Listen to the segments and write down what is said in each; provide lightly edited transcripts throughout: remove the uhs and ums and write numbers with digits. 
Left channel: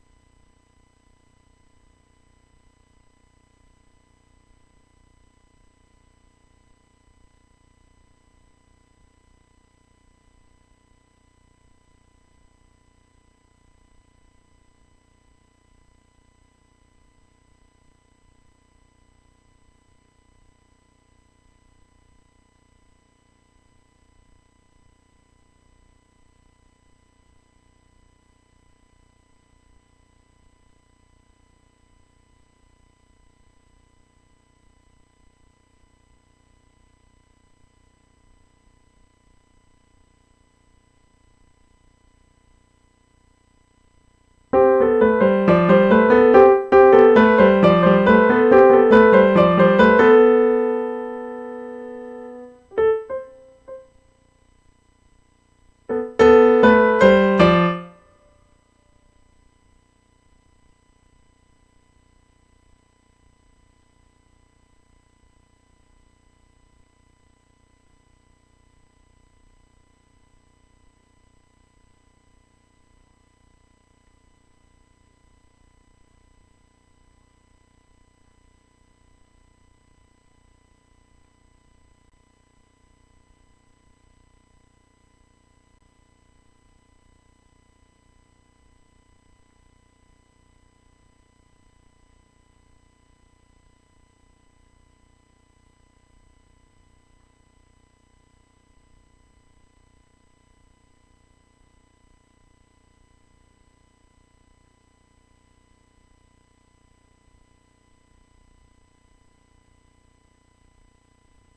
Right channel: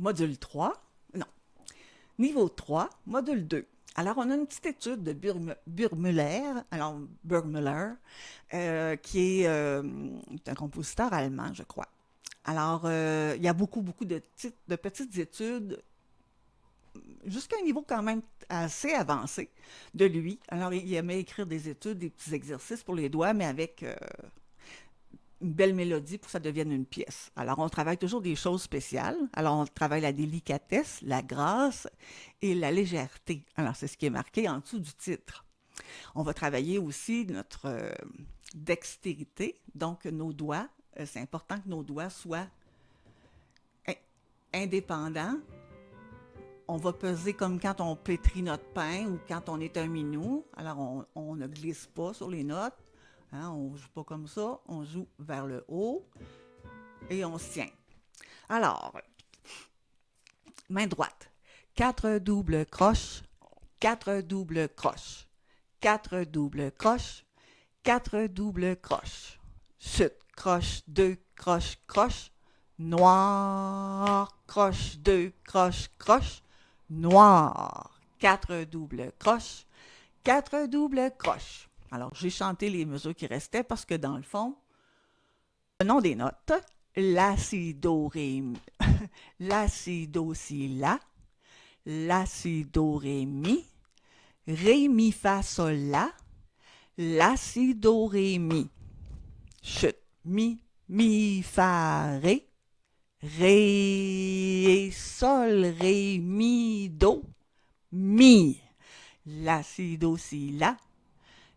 module 3, non, niveau 3, module 2. Alors, on a une petite étude de Burgmüller, alors Burgmüller, qui est un compositeur allemand, je crois. Alors, il y a beaucoup de petites études, jusqu'à un niveau quand même assez avancé de lui. Alors, il aimait écrire des études, des petits exercices pour les doigts, mais avec une belle mélodie pour que ça devienne une pièce. Alors, on travaille toujours des choses spéciales. Alors, on travaille la délicatesse, la grâce et la légèreté. Alors, c'est ce qui est marqué en dessous du titre. On va travailler aussi notre dextérité, donc nos doigts. C'est important que nos doigts soient indépendants. On va peser comme quand on pétrit notre pain, quand on est à genoux. Alors, on ne glisse pas sur les notes. Hein, on ne joue pas comme ça. On joue vers le haut. Et on tient. Alors, main droite. 4 doubles croches. 4 doubles croches. 4 doubles croches. 4 doubles croches. Chute, croche, 2, croche, croche. Noir, croche, 2, croche, croche. Noir. 4 doubles croches. 4 doubles croches. Alors, j'ai chanté les mesures qui restaient parce que dans le fond, le nom des notes, la, si, do, ré, mi. La, si, do, si, la. La, si, do, ré, mi. Ré, mi, fa, sol, la, si, do, ré, mi. Chute. Mi, fa, ré, sol, ré, mi, do, mi. La, si, do, si,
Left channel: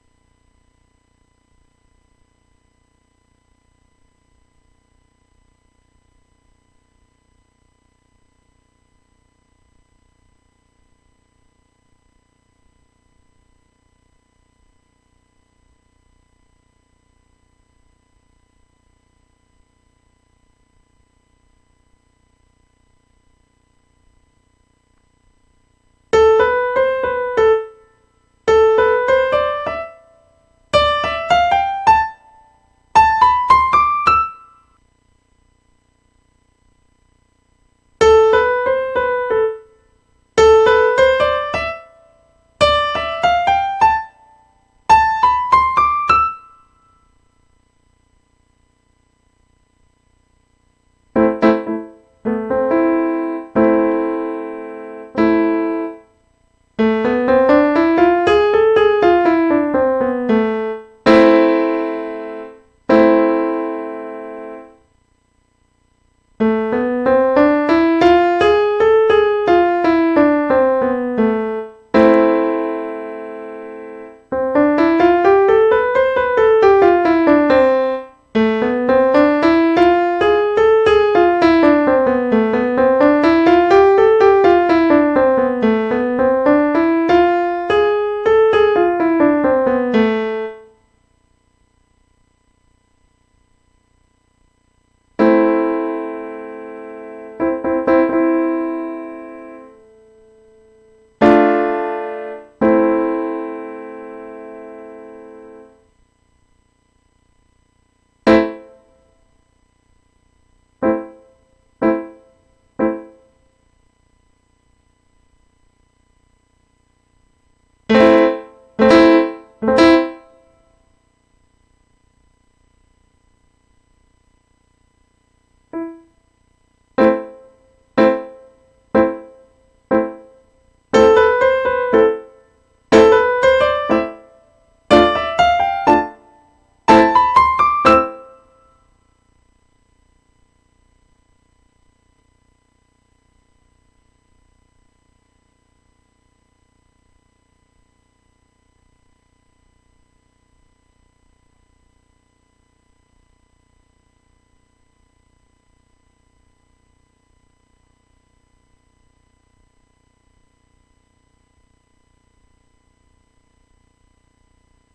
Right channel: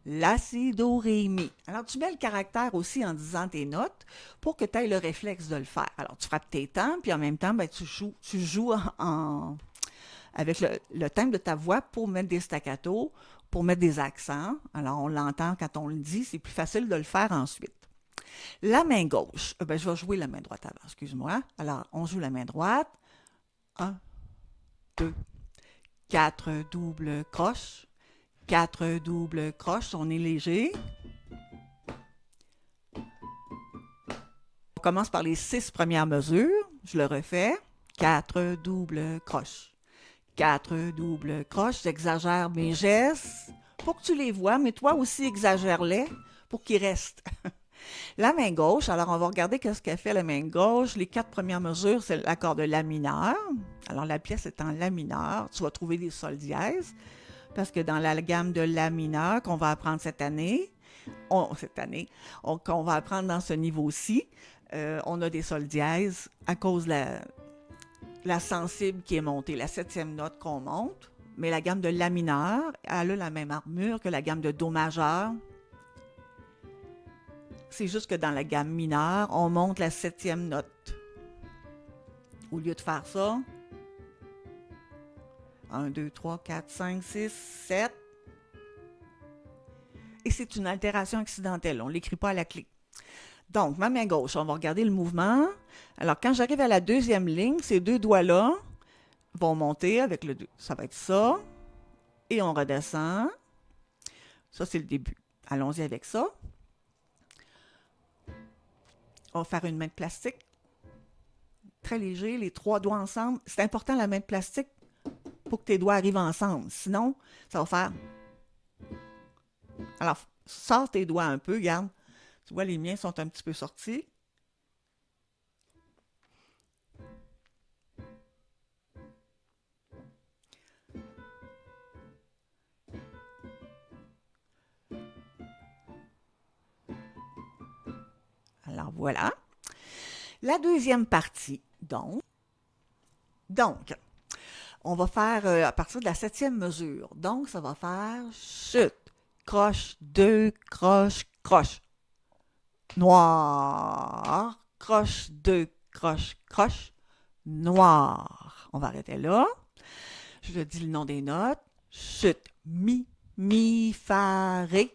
la, si, do, ré, mi. Alors, tu mets le caractère aussi en disant tes notes pour que tu aies le réflexe de le faire. Alors, tu frappes tes temps, puis en même temps, ben, tu joues avec le thème de ta voix pour mettre des staccatos, pour mettre des accents. Alors, on l'entend quand on le dit, c'est plus facile de le faire ensuite. La main gauche, ben, je vais jouer la main droite avant, excuse-moi. Alors, on joue la main droite. Un, deux, quatre doubles croches. Quatre doubles croches, on est léger. On commence par les 6 premières mesures. Je le refais. 4 doubles croches. 4 doubles croches. J'exagère mes gestes pour que tu les vois, mais toi aussi exagère-les pour qu'ils restent. La main gauche, alors on va regarder ce qu'elle fait la main gauche. Les 4 premières mesures, c'est l'accord de la mineur. Alors la pièce est en la mineur. Tu vas trouver des sol dièses. Parce que dans la gamme de la mineur qu'on va apprendre cette année, qu'on va apprendre dans ce niveau-ci, on a des sol dièses à cause de la sensible qui est montée, la septième note qu'on monte. Mais la gamme de la mineur, elle a la même armure que la gamme de do majeur. C'est juste que dans la gamme mineure, on monte la septième note. Au lieu de faire ça, 1, 2, 3, 4, 5, 6, 7. Et c'est une altération accidentelle. On ne l'écrit pas à la clé. Donc, ma main gauche, on va regarder le mouvement. Alors, quand j'arrive à la deuxième ligne, ces deux doigts-là vont monter avec le 2. Ça va être ça. Et on redescend. Ça, c'est le début. Allons-y avec ça. On va faire une main de plastique. Très léger, les 3 doigts ensemble. C'est important la main de plastique pour que tes doigts arrivent ensemble. Sinon, ça va faire... Alors, sors tes doigts un peu, regarde. Tu vois, les miens sont un petit peu sortis. Alors, voilà. La deuxième partie, donc on va faire à partir de la septième mesure. Donc, ça va faire chute, croche, 2, croche, croche. Noir, croche, 2, croche, croche. Noir. On va arrêter là. Je dis le nom des notes. Chute, mi, fa, ré,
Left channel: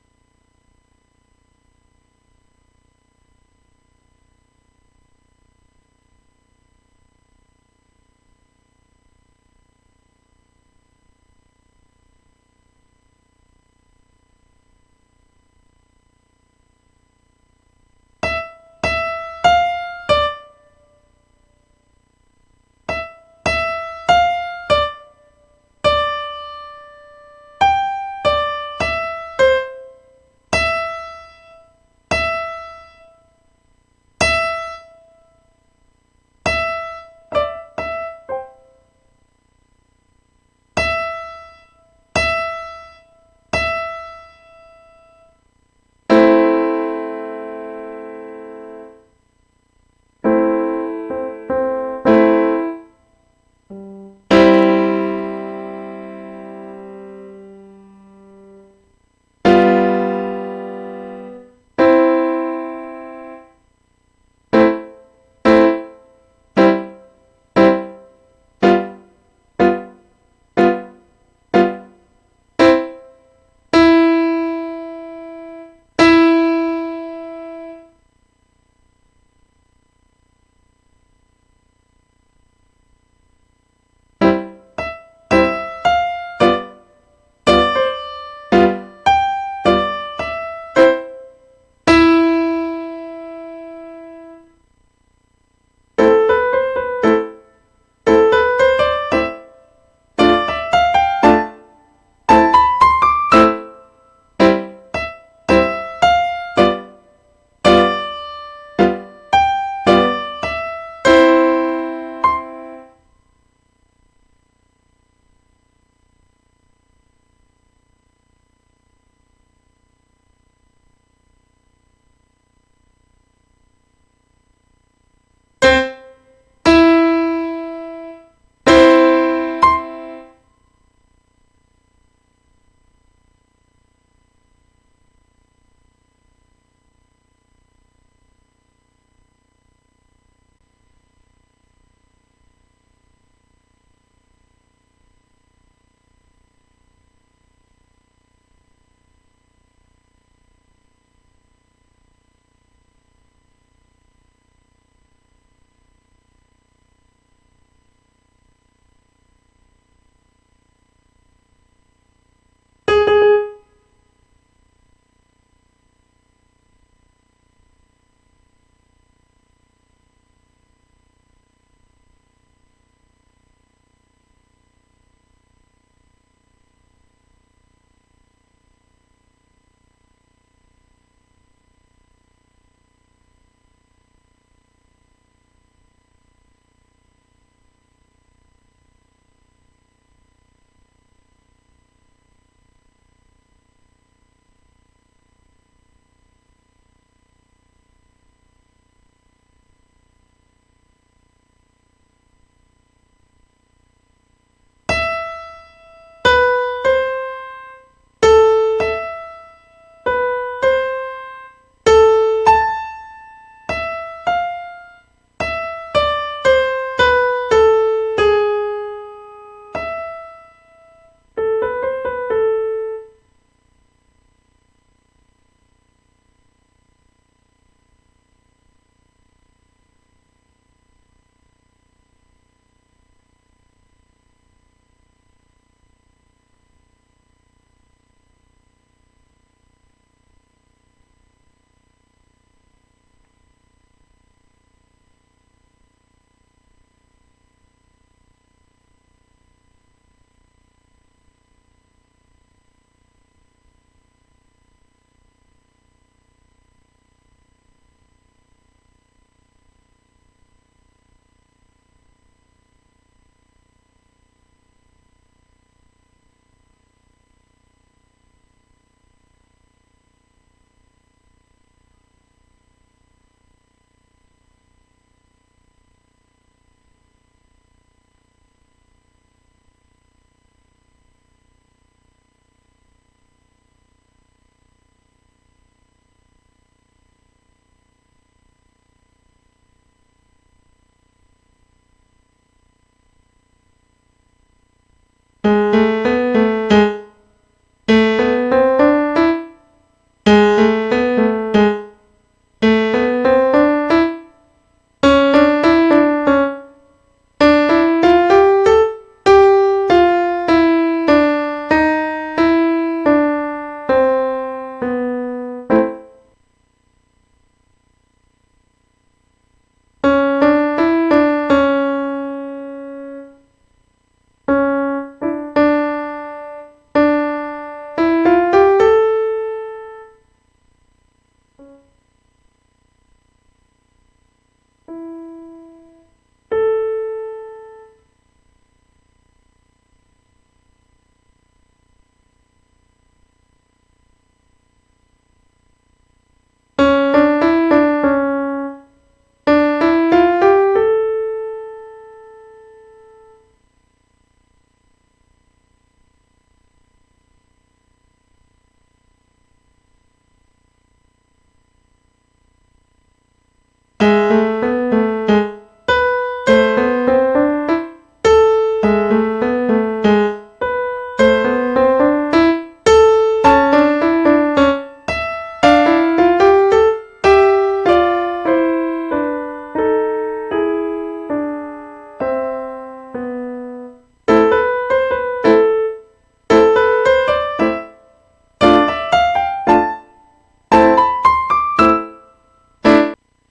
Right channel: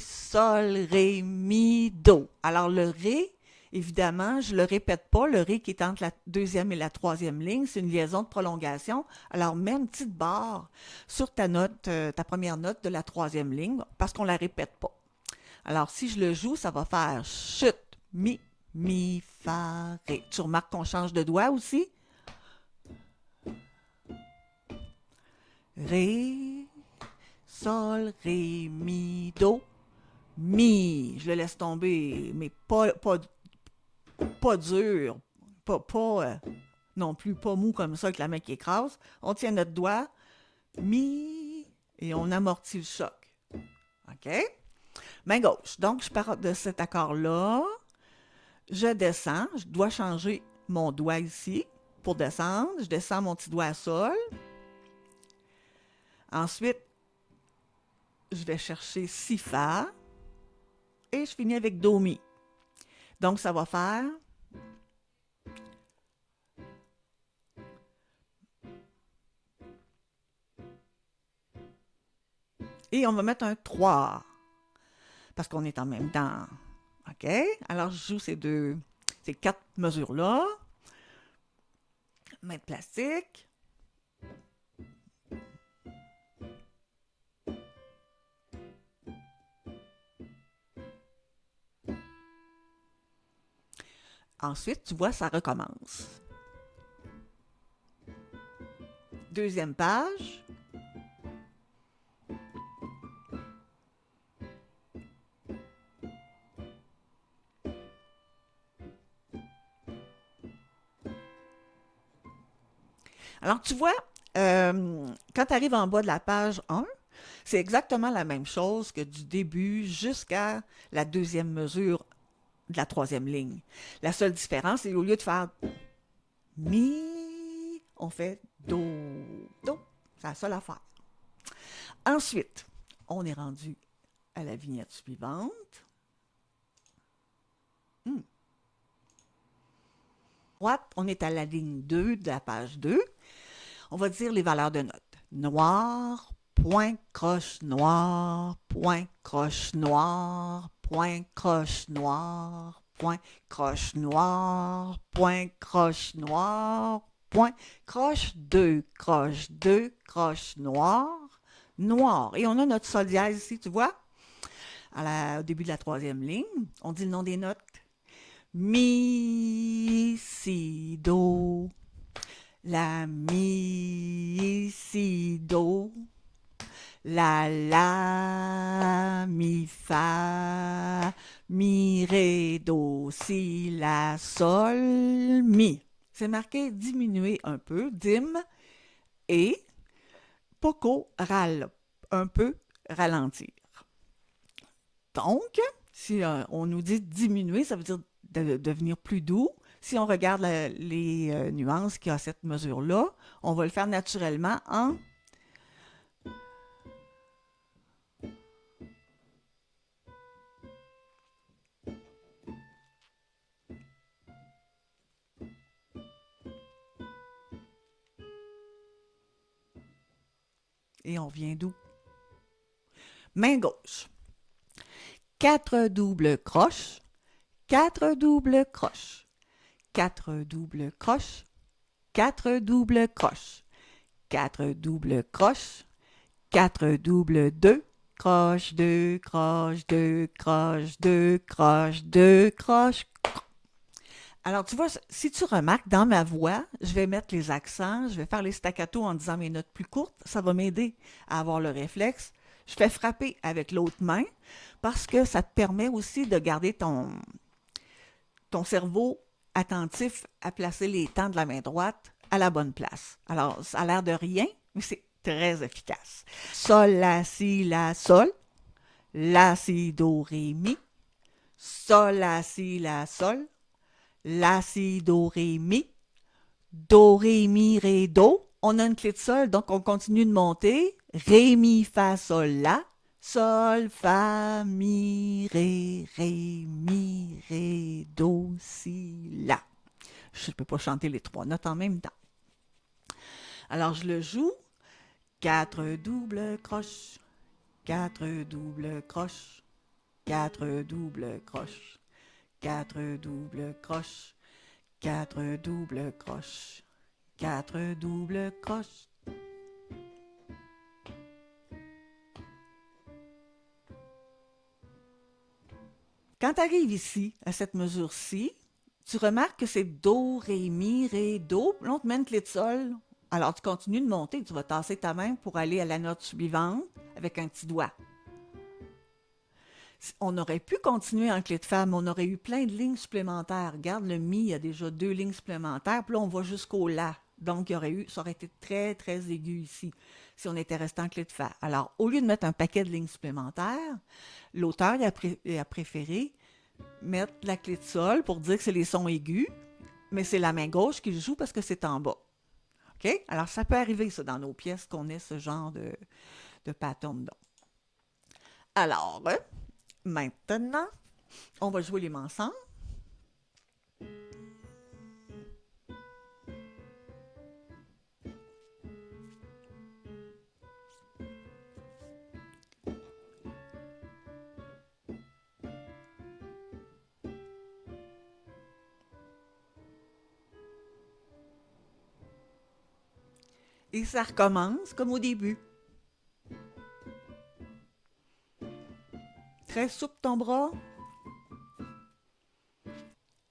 sol, ré, mi, do. Alors, le ré, évidemment, je ne le répète pas. Le ré qui est entre la deuxième et la troisième ligne, c'est une liaison de prolongation. Alors, mets une petite barre sur ta note, ta première note de la troisième ligne, parce qu'on ne la répète pas. Alors, si je le joue, ça va faire chute, mi, fa, ré. tu remarques qu'on change de doigt aussi. Ré, sol, ré, mi, do, mi. Je le laisse tomber, mais pas dur, pas non plus pas mou comme ça avec la main qui écrase. On tient notre doigt, mi, et on amortit le choc. OK? Main gauche. Donc, je pars de cet accord-là. Je descends. Je dois changer mon doigt ici. Je descends mon petit doigt à sol. Ensuite, je vais chercher si fa. Et je finis avec do, mi. Donc, ça va faire... Et on va mettre un 3. Parce qu'on est en même temps. OK? Alors, je joue ces 4 mesures-là. Main de plastique. Ensuite, tu vois, ça recommence. Deuxième page. Alors, tu vois, quand tu arrives en bas de la page 1, c'est exactement la même chose que du début jusqu'à la deuxième mesure de la troisième ligne. La seule différence, c'est au lieu de faire on fait c'est la seule affaire. Ensuite, on est rendu à la vignette suivante. Droite, on est à la ligne 2 de la page 2. On va dire les valeurs de notes. Noir, point, croche, noir, point, croche, noir, point, croche, noir, point, croche, noir, point, croche, noir, point, croche, 2, croche, 2, croche, noir, noir. Et on a notre sol dièse ici, tu vois, au début de la troisième ligne. On dit le nom des notes. Mi, si, do. La, mi, si, do. La, mi, fa. Mi, ré, do, si, la, sol, mi. C'est marqué diminuer un peu, dim, et poco, ral, un peu ralentir. Donc, si on nous dit diminuer, ça veut dire devenir plus doux. Si on regarde les nuances qu'il y a à cette mesure-là, on va le faire naturellement en... Et on vient doux. Main gauche. 4 doubles croches, 4 doubles croches, 4 doubles croches, 4 doubles croches, 4 doubles croches, 4 doubles 2, croche, 2, croche, 2, croche, 2, croche, 2, croche. Alors, tu vois, si tu remarques, dans ma voix, je vais mettre les accents, je vais faire les staccato en disant mes notes plus courtes. Ça va m'aider à avoir le réflexe. Je fais frapper avec l'autre main parce que ça te permet aussi de garder ton cerveau attentif à placer les temps de la main droite à la bonne place. Alors, ça a l'air de rien, mais c'est très efficace. Sol, la, si, la, sol. La, si, do, ré, mi. Sol, la, si, la, sol. La, si, do, ré, mi. Do, ré, mi, ré, do. On a une clé de sol, donc on continue de monter. Ré, mi, fa, sol, la. Sol, fa, mi, ré, mi, ré, do, si, la. Je ne peux pas chanter les 3 notes en même temps. Alors, je le joue. 4 doubles croches, 4 doubles croches. Quand tu arrives ici, à cette mesure-ci, tu remarques que c'est Do, mi, ré, do. Là, on te met une clé de sol. Alors, tu continues de monter. Tu vas tasser ta main pour aller à la note suivante avec un petit doigt. On aurait pu continuer en clé de fa, mais on aurait eu plein de lignes supplémentaires. Regarde, le mi, il y a déjà 2 lignes supplémentaires. Puis là, on va jusqu'au la. Donc, ça aurait été très, très aigu ici si on était resté en clé de fa. Alors, au lieu de mettre un paquet de lignes supplémentaires, l'auteur a préféré mettre la clé de sol pour dire que c'est les sons aigus, mais c'est la main gauche qui le joue parce que c'est en bas. OK? Alors, ça peut arriver, ça, dans nos pièces, qu'on ait ce genre de pattern-là. Alors, maintenant, on va jouer les mains ensemble. Et ça recommence comme au début. Laisse souple ton bras.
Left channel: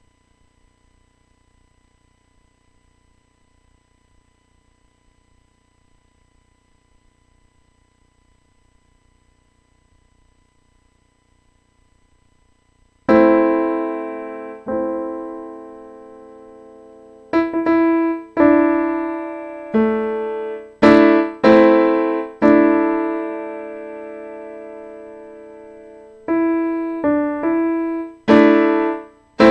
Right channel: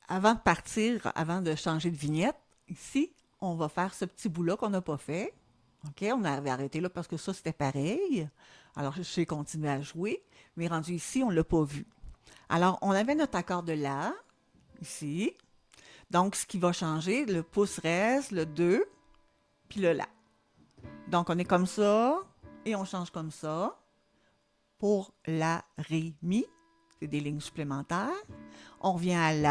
Avant de partir, avant de changer de vignette, ici, on va faire ce petit bout-là qu'on n'a pas fait. OK, on avait arrêté là parce que ça, c'était pareil. Alors, je sais continuer à jouer, mais rendu ici, on ne l'a pas vu. Alors, on avait notre accord de la, ici. Donc, ce qui va changer, le pouce reste, le 2, puis le la. Donc, on est comme ça, et on change comme ça. Pour la, ré, mi, il y a des lignes supplémentaires. On vient à la,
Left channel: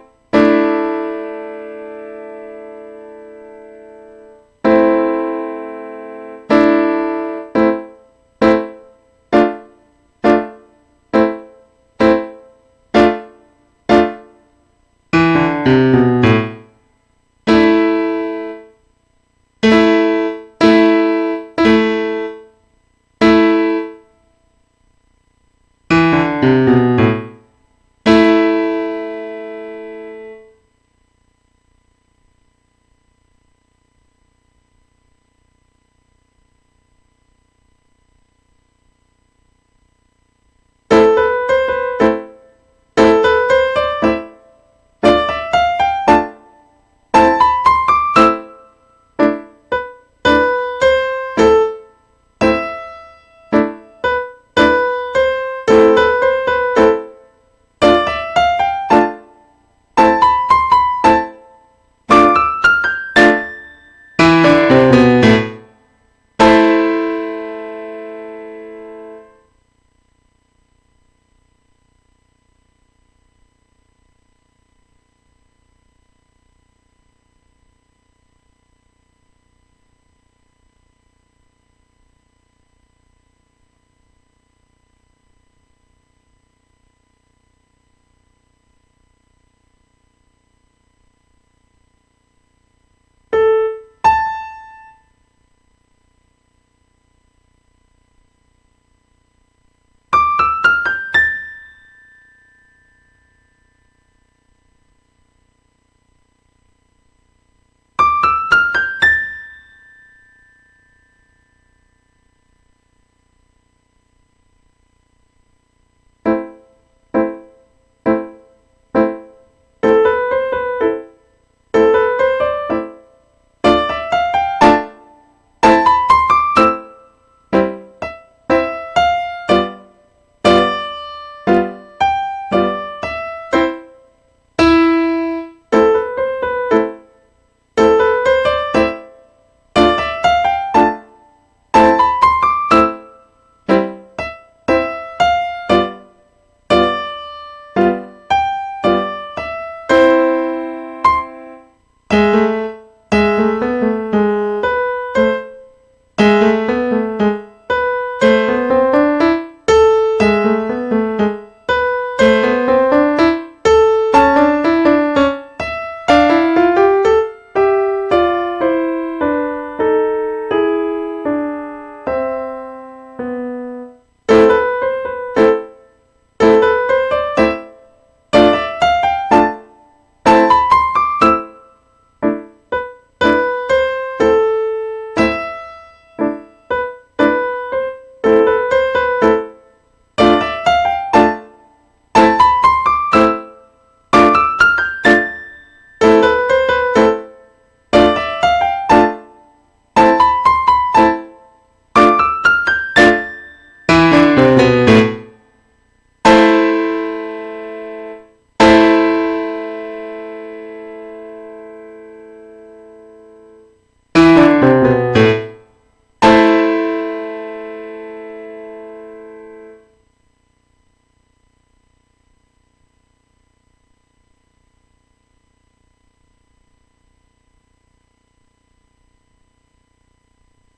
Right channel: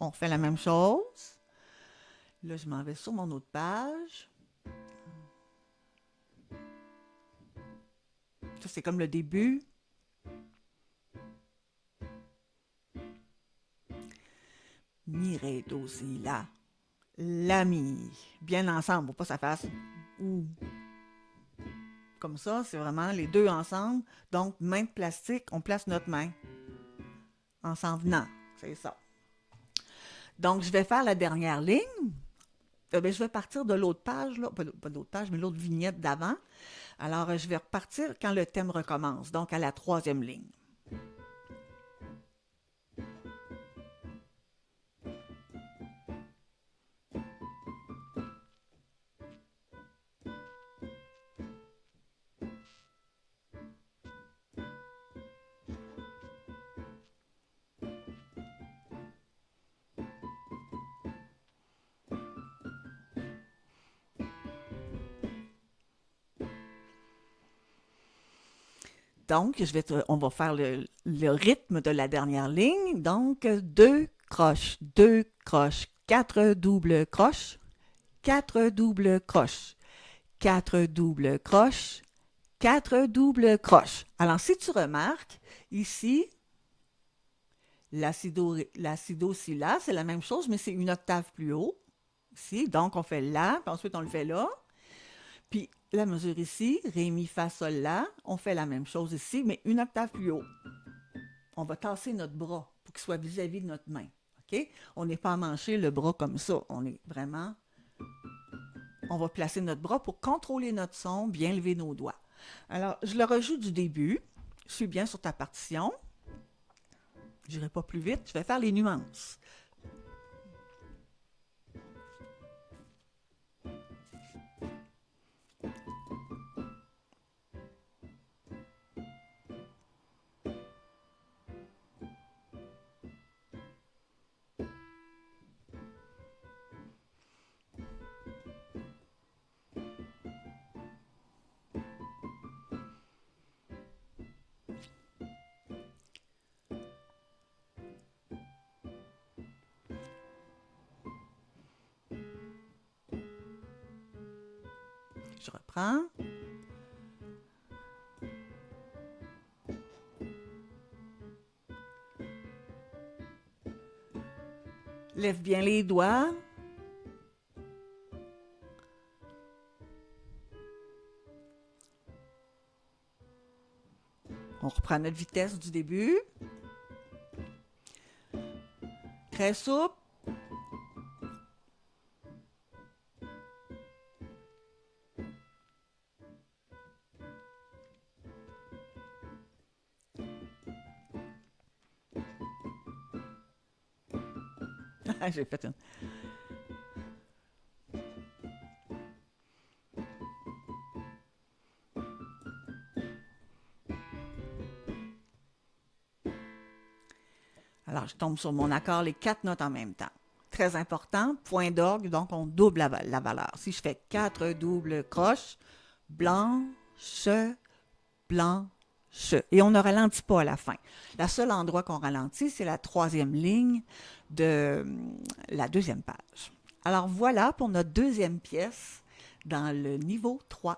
on fait la même chose. Là, je m'en vais sur mon autre page. C'est comme le début. Bien ensemble, pour pas que ça fasse comme ça. C'est vraiment les deux ensemble. Donc, main de plastique, on place notre main en s'en venant. Donc, je vais faire la dernière ligne. Je vais partir de l'autre page, là, pas l'autre page, mais l'autre vignette d'avant. Alors, je vais repartir quand le thème recommence, donc à la 3e ligne. Donc, on va faire le rythme de la dernière ligne. Donc, 2 croches, 2 croches, 4 doubles croches, 4 doubles croches, 4 doubles croches, 4 doubles croches. Alors, si tu remarques, ici, la si, do, si, la, c'est la même chose, mais c'est une octave plus haut. Ici, donc on fait la, puis ensuite on le fait là. Puis la mesure ici, ré, mi, fa, sol, la, on fait la même chose ici, mais une octave plus haut. On va tasser notre bras pour qu'il soit vis-à-vis de notre main. Okay? On n'est pas emmanché le bras comme ça. On est vraiment... On va placer notre bras pour contrôler notre son, bien lever nos doigts. Alors, je le rejoue du début. Je suis bien sur ta partition. Je n'irai pas plus vite. Je vais faire les nuances. tombe sur mon guitare les 4 notes en même temps. Très important, point d'orgue, donc on double la valeur. Si je fais 4 croche, blanche, et on ne ralentit pas à la fin. Le seul endroit qu'on ralentit, c'est la 3e ligne de la 2e page. Alors voilà pour notre 2e pièce dans le niveau 3.